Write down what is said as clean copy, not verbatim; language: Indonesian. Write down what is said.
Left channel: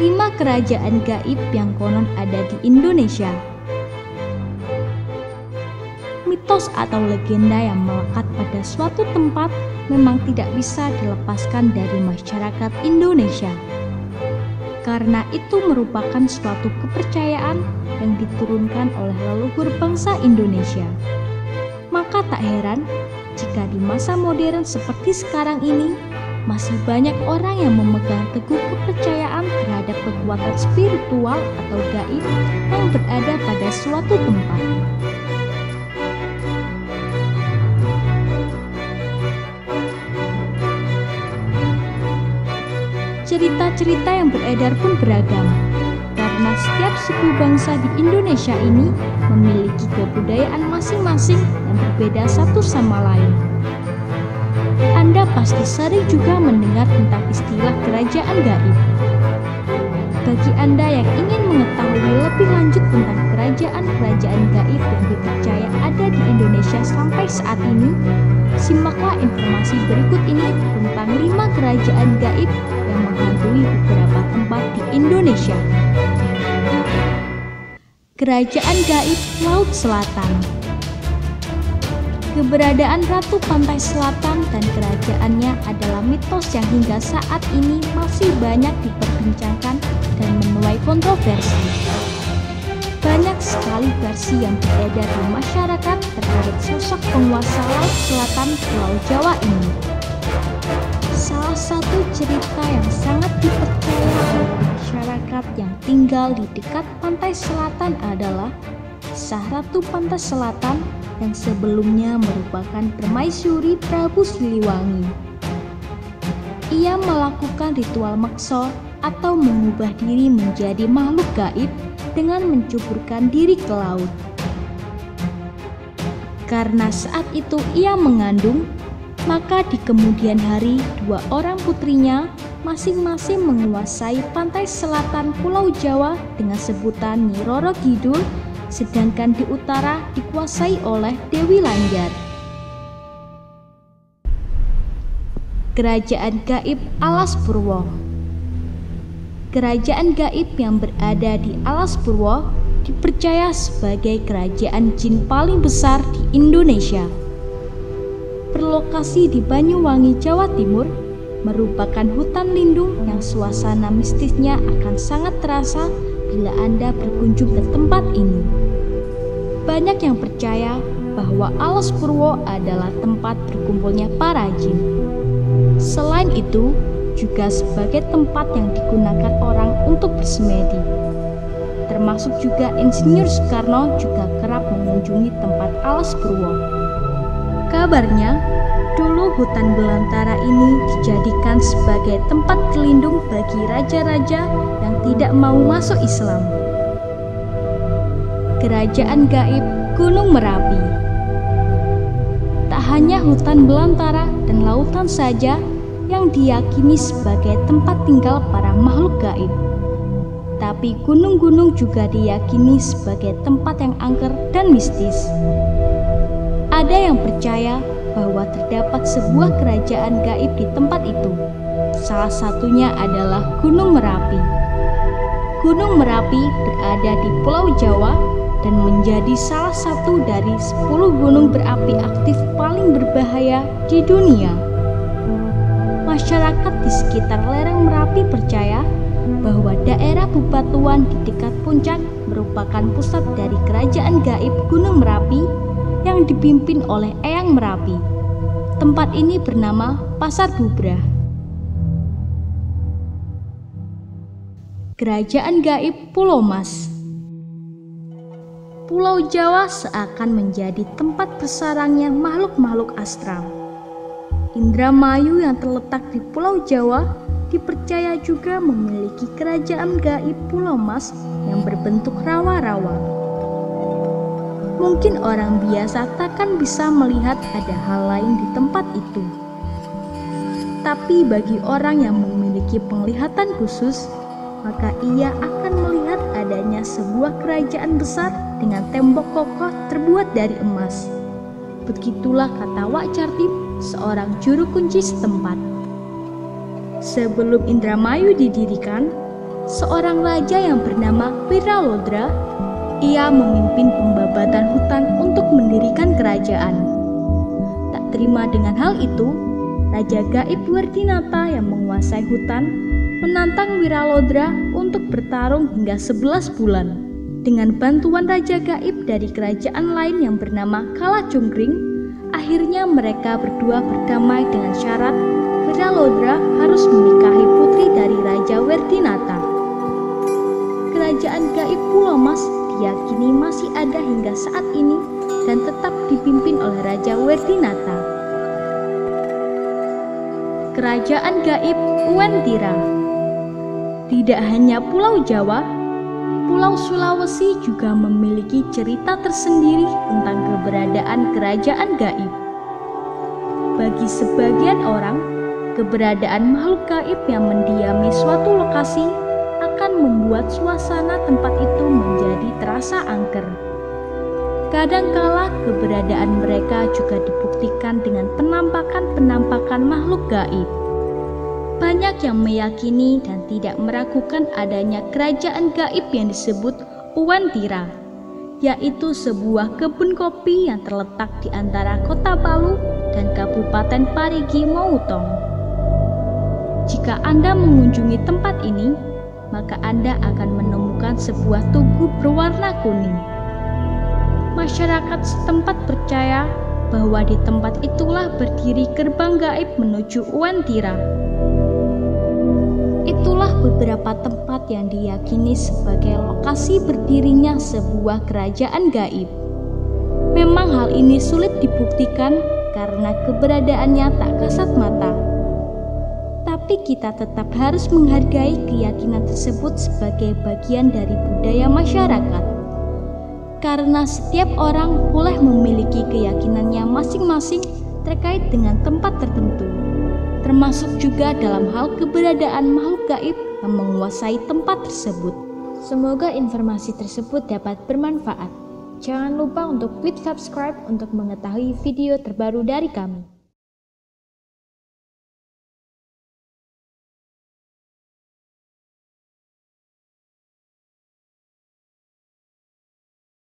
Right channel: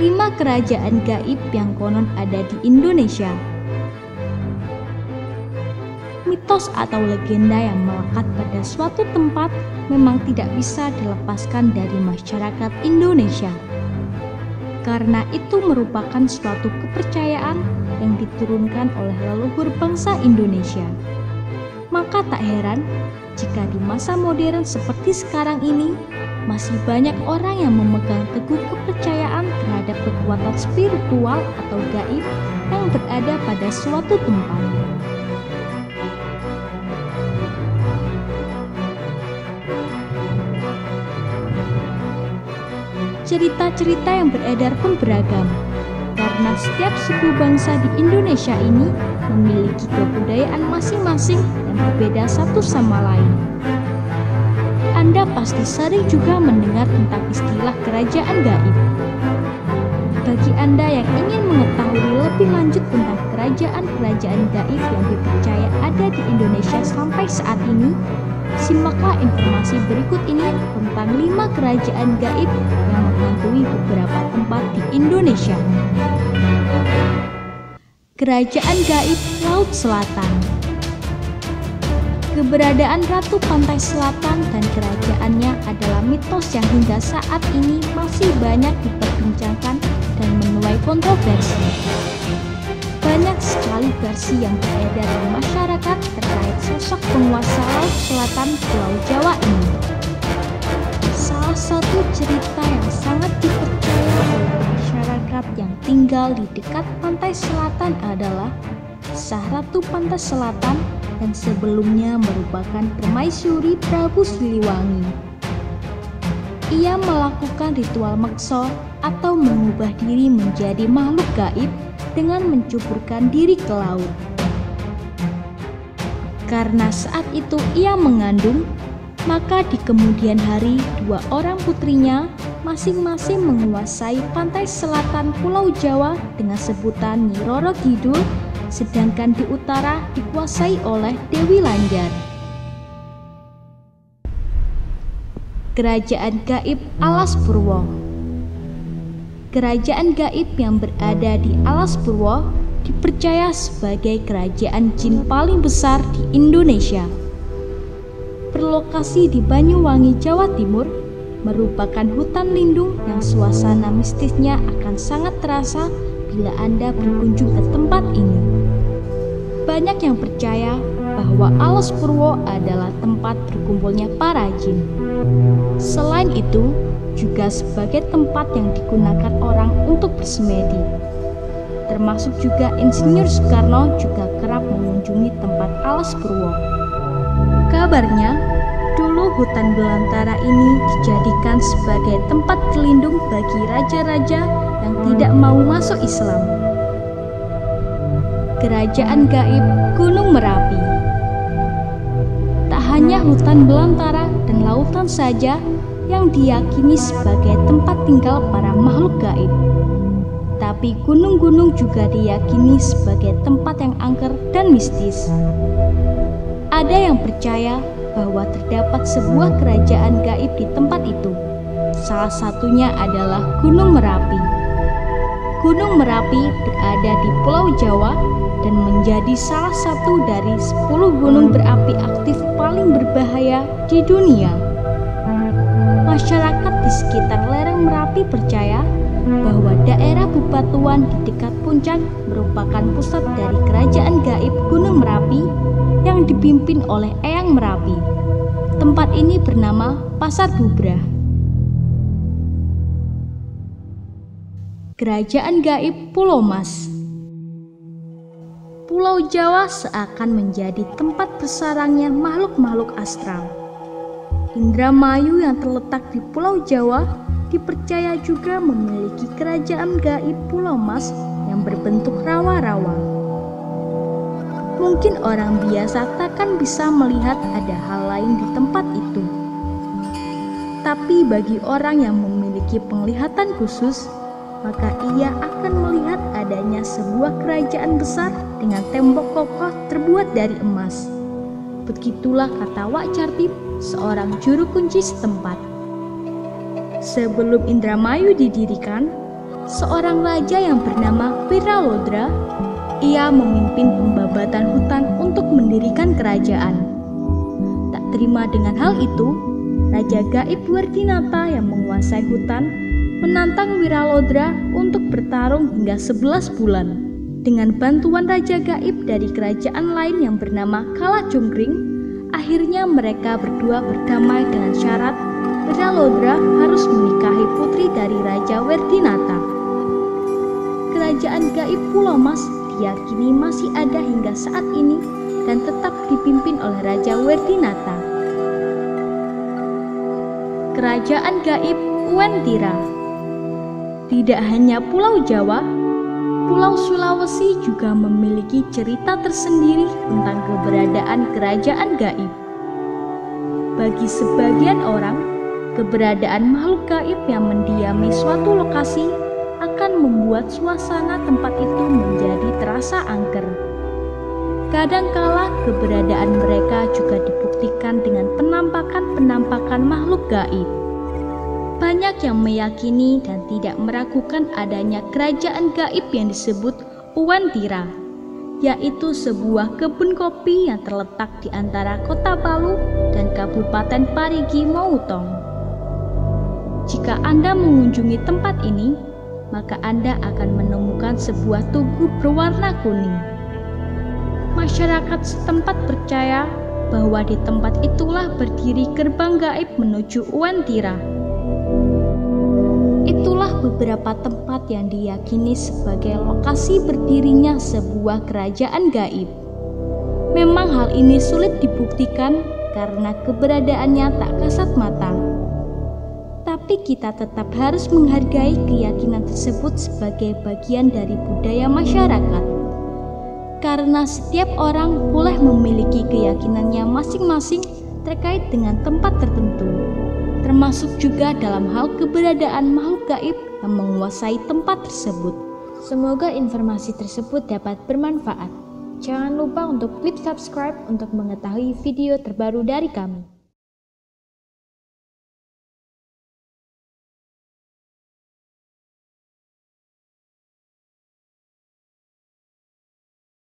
5 kerajaan gaib yang konon ada di Indonesia. Mitos atau legenda yang melekat pada suatu tempat memang tidak bisa dilepaskan dari masyarakat Indonesia. Karena itu merupakan suatu kepercayaan yang diturunkan oleh leluhur bangsa Indonesia. Maka tak heran jika di masa modern seperti sekarang ini masih banyak orang yang memegang teguh kepercayaan terhadap kekuatan spiritual atau gaib yang berada pada suatu tempat. Cerita-cerita yang beredar pun beragam, karena setiap suku bangsa di Indonesia ini memiliki kebudayaan masing-masing yang berbeda satu sama lain. Anda pasti sering juga mendengar tentang istilah kerajaan gaib. Bagi Anda yang ingin mengetahui lebih lanjut tentang kerajaan-kerajaan gaib yang dipercaya ada di Indonesia sampai saat ini, simaklah informasi berikut ini tentang 5 kerajaan gaib yang menghantui beberapa tempat di Indonesia. Kerajaan gaib Laut Selatan. Keberadaan Ratu Pantai Selatan dan kerajaannya adalah mitos yang hingga saat ini masih banyak diperbincangkan dan menuai kontroversi. Banyak sekali versi yang beredar di masyarakat terkait sosok penguasa Laut Selatan Pulau Jawa ini. Salah satu cerita yang sangat dipercaya oleh masyarakat yang tinggal di dekat pantai selatan adalah kisah Ratu Pantai Selatan yang sebelumnya merupakan permaisuri Prabu Siliwangi. Ia melakukan ritual meksa atau mengubah diri menjadi makhluk gaib dengan mencuburkan diri ke laut. Karena saat itu ia mengandung, maka di kemudian hari 2 orang putrinya masing-masing menguasai pantai selatan Pulau Jawa dengan sebutan Nyi Roro Kidul, sedangkan di utara dikuasai oleh Dewi Lanjar. Kerajaan gaib Alas Purwo. Kerajaan gaib yang berada di Alas Purwo dipercaya sebagai kerajaan jin paling besar di Indonesia. Berlokasi di Banyuwangi, Jawa Timur, merupakan hutan lindung yang suasana mistisnya akan sangat terasa bila Anda berkunjung ke tempat ini. Banyak yang percaya bahwa Alas Purwo adalah tempat berkumpulnya para jin. Selain itu, juga sebagai tempat yang digunakan orang untuk bersemedi. Termasuk juga Insinyur Soekarno juga kerap mengunjungi tempat Alas Purwo. Kabarnya, dulu hutan belantara ini dijadikan sebagai tempat berlindung bagi raja-raja yang tidak mau masuk Islam. Kerajaan gaib Gunung Merapi. Tak hanya hutan belantara dan lautan saja yang diyakini sebagai tempat tinggal para makhluk gaib, tapi gunung-gunung juga diyakini sebagai tempat yang angker dan mistis. Ada yang percaya bahwa terdapat sebuah kerajaan gaib di tempat itu. Salah satunya adalah Gunung Merapi. Gunung Merapi berada di Pulau Jawa dan menjadi salah satu dari 10 gunung berapi aktif paling berbahaya di dunia. Masyarakat di sekitar lereng Merapi percaya bahwa daerah Bebatuan di dekat puncak merupakan pusat dari kerajaan gaib Gunung Merapi yang dipimpin oleh Eyang Merapi. Tempat ini bernama Pasar Bubrah. Kerajaan gaib Pulau Mas. Pulau Jawa seakan menjadi tempat bersarangnya makhluk-makhluk astral. Indramayu yang terletak di Pulau Jawa dipercaya juga memiliki kerajaan gaib Pulau Mas yang berbentuk rawa-rawa. Mungkin orang biasa takkan bisa melihat ada hal lain di tempat itu. Tapi bagi orang yang memiliki penglihatan khusus, maka ia akan melihat adanya sebuah kerajaan besar dengan tembok kokoh terbuat dari emas. Begitulah kata Wak Cartip, seorang juru kunci setempat. Sebelum Indramayu didirikan, seorang raja yang bernama Wiralodra. Ia memimpin pembabatan hutan untuk mendirikan kerajaan. Tak terima dengan hal itu, Raja Gaib Werdinata yang menguasai hutan menantang Wiralodra untuk bertarung hingga 11 bulan. Dengan bantuan Raja Gaib dari kerajaan lain yang bernama Kalajengkring, akhirnya mereka berdua berdamai dengan syarat Wiralodra harus menikahi putri dari Raja Werdinata. Kerajaan Gaib Pulau Mas diyakini masih ada hingga saat ini dan tetap dipimpin oleh Raja Werdinata. Kerajaan Gaib Uwentira. Tidak hanya Pulau Jawa, Pulau Sulawesi juga memiliki cerita tersendiri tentang keberadaan kerajaan gaib. Bagi sebagian orang, keberadaan makhluk gaib yang mendiami suatu lokasi akan membuat suasana tempat itu menjadi terasa angker. Kadangkala keberadaan mereka juga dibuktikan dengan penampakan-penampakan makhluk gaib. Banyak yang meyakini dan tidak meragukan adanya kerajaan gaib yang disebut Uwentira, yaitu sebuah kebun kopi yang terletak di antara Kota Palu dan Kabupaten Parigi Motong. Jika Anda mengunjungi tempat ini, maka Anda akan menemukan sebuah tugu berwarna kuning. Masyarakat setempat percaya bahwa di tempat itulah berdiri gerbang gaib menuju Uwentira. Itulah beberapa tempat yang diyakini sebagai lokasi berdirinya sebuah kerajaan gaib. Memang hal ini sulit dibuktikan karena keberadaannya tak kasat mata. Tapi kita tetap harus menghargai keyakinan tersebut sebagai bagian dari budaya masyarakat. Karena setiap orang boleh memiliki keyakinannya masing-masing terkait dengan tempat tertentu, termasuk juga dalam hal keberadaan makhluk gaib yang menguasai tempat tersebut. Semoga informasi tersebut dapat bermanfaat. Jangan lupa untuk klik subscribe untuk mengetahui video terbaru dari kami.